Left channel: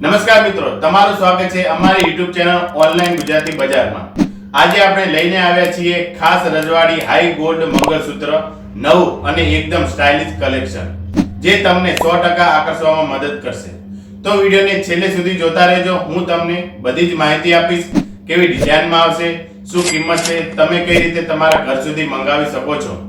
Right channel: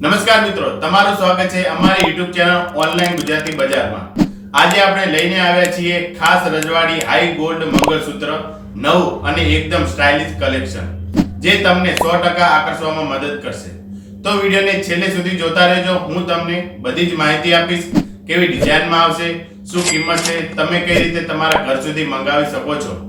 નમસ્કાર મિત્રો, તમારું સ્વાગત છે અમારી YouTube ચેનલ ઓનલાઈન ગુજરાતી બજારમાં. આજે આપણે લઈને આવ્યા છીએ ખાસ રજવાડી હાઈ ગોલ્ડ મંગળસૂત્ર, નવું અને એકદમ સ્ટાઇલિશ કલેક્શન જે તમને 100% આકર્ષવામાં મદદ કરશે. તો વિડીયોને છેલ્લે સુધી જોતા રહેજો, હું તમને બધી જ માહિતી આપીશ, કેવી ડિઝાઇનમાં આવશે, શું કિંમત છે, તમે કઈ રીતે તમારા ઘર સુધી મંગાવી શકો છો.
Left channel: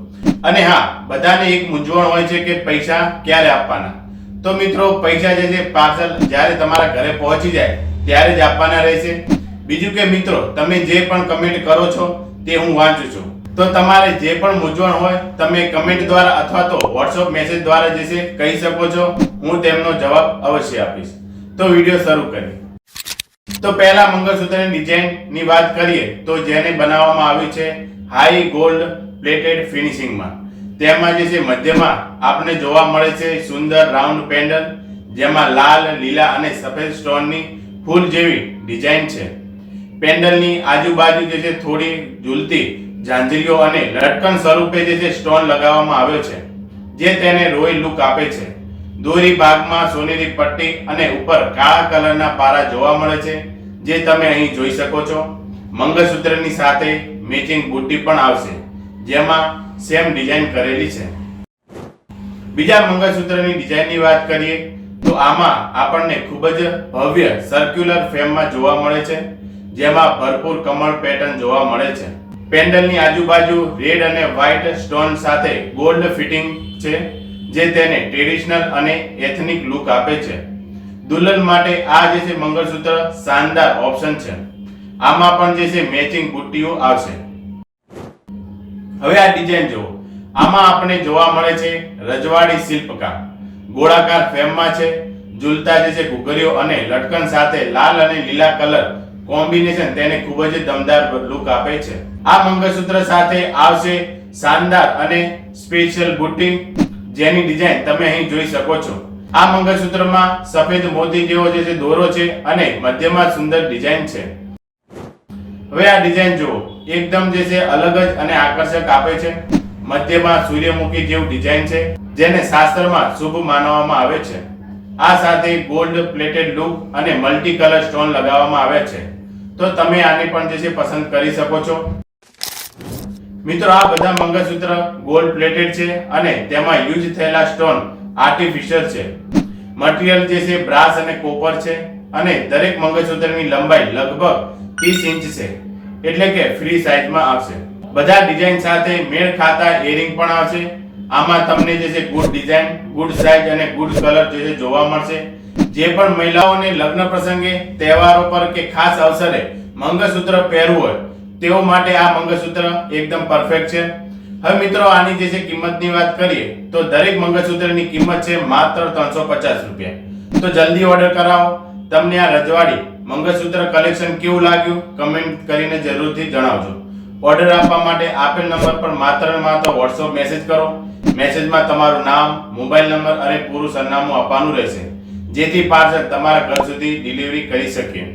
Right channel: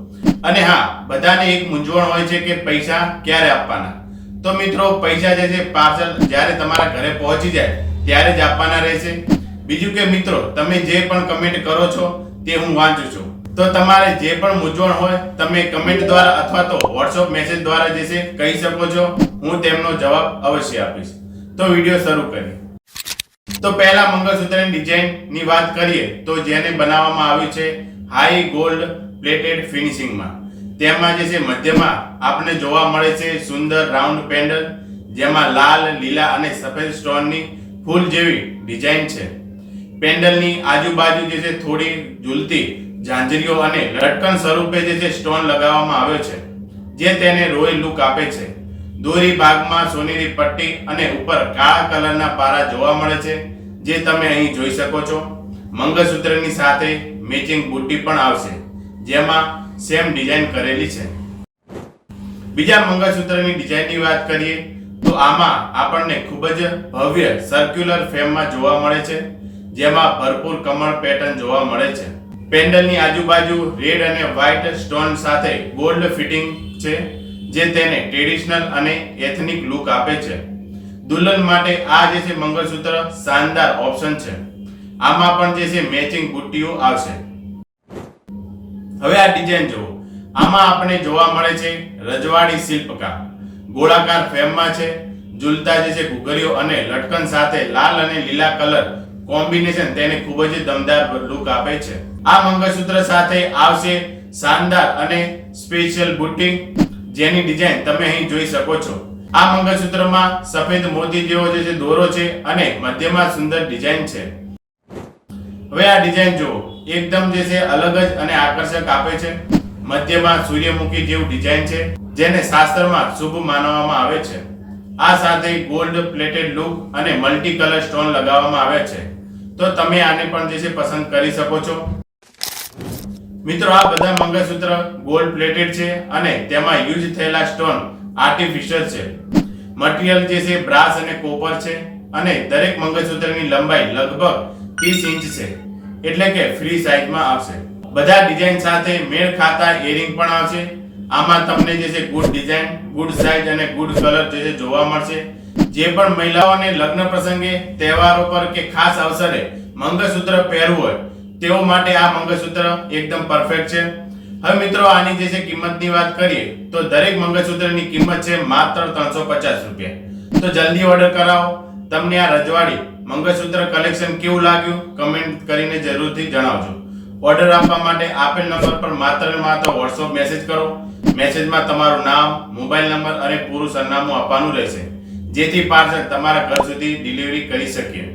અને હા, બધાને એક મૂંઝવણ હોય છે કે પૈસા ક્યારે આપવાના. તો મિત્રો, પૈસા જે છે, પાર્સલ જ્યારે તમારા ઘરે પહોંચી જાય, ત્યારે જ આપવાના રહેશે. બીજું કે મિત્રો, તમે જે પણ કમેન્ટ કરો છો, તે હું વાંચું છું. તો તમારે જે પણ મૂંઝવણ હોય, તમે કમેન્ટ દ્વારા અથવા તો વોટ્સઅપ મેસેજ દ્વારા જે છે, કહી શકો છો. હું તેમનો જવાબ અવશ્ય આપીશ. તો વીડિયો શરૂ કરીએ. તો પહેલા મંગળસૂત્રની ડિઝાઇનની વાત કરીએ, તો જેને બનાવવામાં આવ્યું છે હાઈ ગોલ્ડ પ્લેટેડ ફિનિશિંગમાં તેમાં જે છે મધ્યમાં આપણે જોવા મળે છે સુંદર રાઉન્ડ પેન્ડલ, જેમાં લાલ, લીલા અને સફેદ સ્ટોનની ફૂલ જેવી ડિઝાઇન છે. પેન્ડલની આજુબાજુ જે છે થોડી ઝૂલતી ઝાંઝરીઓ અને લટકન સ્વરૂપે જે છે સ્ટોન લગાવવામાં આવ્યો છે, જે તેને રોયલ લુક આપે છે. દોરી ભાગમાં સોનેરી પટ્ટી અને ઉપર કાળા કલરના પારા જોવા મળે છે, જે તમે અહીં જોઈ શકો છો. મંગળસૂત્રની સાથે મેચિંગ બુટ્ટી પણ આવશે, જેમાં સેમ ડિઝાઇન કરેલી છે. બીજા મંગળસૂત્રની ડિઝાઇનની વાત કરીએ, તો આમાં આપણને ખૂબ જ ભવ્ય સર્ક્યુલર ફ્રેમમાં જોવા મળે છે, જેમાં ભરપૂર કમળ પેટર્ન જોવા મળે છે. પેન્ડલની આજુબાજુ રેડ અને વ્હાઇટ સ્ટોન સાથે ગોલ્ડ ફિટિંગ છે, જે તેને ટ્રેડિશનલ અને એથનિક લુક આપે છે. દુલ્હન માટે આ જે છે મંગળસૂત્ર, શાનદાર ઓપ્શન છે. આમાં પણ જે છે મેચિંગ બુટ્ટીઓ આવશે. હવે આ ડિઝાઇન જુઓ. આમાં આપણે જોવા મળે છે રજવાડી શિલ્પકામ ગોળાકાર ફ્રેમમાં છે, ઝૂલતા જે છે ઘૂઘરીઓ અને લટકન સાથે લાલ અને લીલા કલર કોમ્બિનેશન તેને ખૂબ જ દમદાર લુક આપે છે. આ મંગળસૂત્ર સાથે આવશે શાનદાર અને સ્પેશિયલ બુટિંગ જેની ડિઝાઇન તમે અહીં જોઈ શકો છો. આ મંગળસૂત્રમાં સફેદ મોતી જેવો જે દોરો છે અને મધ્યમાં સુંદર ડિઝાઇન છે. હવે આ ડિઝાઇન જુઓ. એકદમ જે છે, અલગ જ અને આકર્ષક આપે છે. મધ્યમાં સૂર્યમુખી જેવું ડિઝાઇન છે, જેને શાસ્ત્રમાં શુભ માનવામાં આવે છે. આ સાથે ગોલ્ડ પ્લેટેડ લુક અને મલ્ટી કલર સ્ટોન લગાવવામાં આવ્યા છે. તો તમે આને પણ જે છે, પસંદ કરી શકો છો. મિત્રો, આ બધા મંગળસૂત્ર ગોલ્ડ પ્લેટેડ છે અને તેમાં યુઝ થયેલા સ્ટોન આર્ટિફિશિયલ છે. મટીરીયલ જે છે, બ્રાસ અને કોપર છે અને દરેક મંગળસૂત્રની લંબાઈ લગભગ 30 ઇંચ છે. એટલે કે ફ્રી સાઇઝમાં આવશે. બધા ડિઝાઇન સાથે મેળ ખાતા ઇયરિંગ પણ આવશે. આમાં તમને જે છે ગુડ ડિઝાઇન ગુડ સાઇઝ અને ગુડ કલર જે છે જોવા મળશે. જે પણ મહિલાઓને લગ્ન પ્રસંગે, તહેવારો પર કે ખાસ અવસરે મંગળસૂત્ર પહેરવું હોય, તેઓ માટે આ મંગળસૂત્ર એકદમ પરફેક્ટ છે. હવે મિત્રો, આની જે છે કિંમતની વાત કરીએ, તો દરેક મંગળસૂત્રની કિંમત છે માત્ર ત્રણસો પચાસ રૂપિયા. તો જલ્દી ઓર્ડર કરાવો. તમને આ રજવાડી મંગળસૂત્ર કલેક્શન કેવું લાગ્યું? કમેન્ટ કરીને જરૂરથી જણાવજો. ઓર્ડર આપવા માટે આપેલ નંબર પર માત્ર ને માત્ર વોટ્સઅપ મેસેજ કરો. મેસેજમાં તમારું નામ મોબાઈલ નંબર અને પૂરું સરનામું આપવાનું રહેશે. જેથી પાર્સલ તમારા ઘર સુધી ડિલિવરી કરી શકીએ.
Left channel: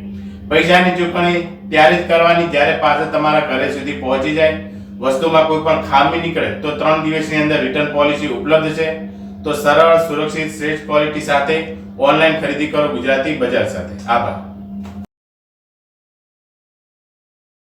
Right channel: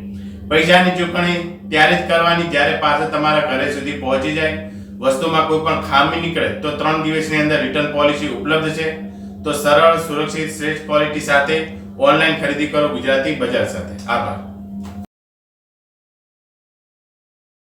પૈસાની ચૂકવણી ત્યારે જ કરવાની જ્યારે પાર્સલ તમારા ઘરે સુધી પહોંચી જાય. વસ્તુમાં કોઈ પણ ખામી નીકળે તો ત્રણ દિવસની અંદર રિટર્ન પોલિસી ઉપલબ્ધ છે. તો સરળ સુરક્ષિત શ્રેષ્ઠ ક્વોલિટી સાથે ઓનલાઈન ખરીદી કરો ગુજરાતી બજાર સાથે. આભાર.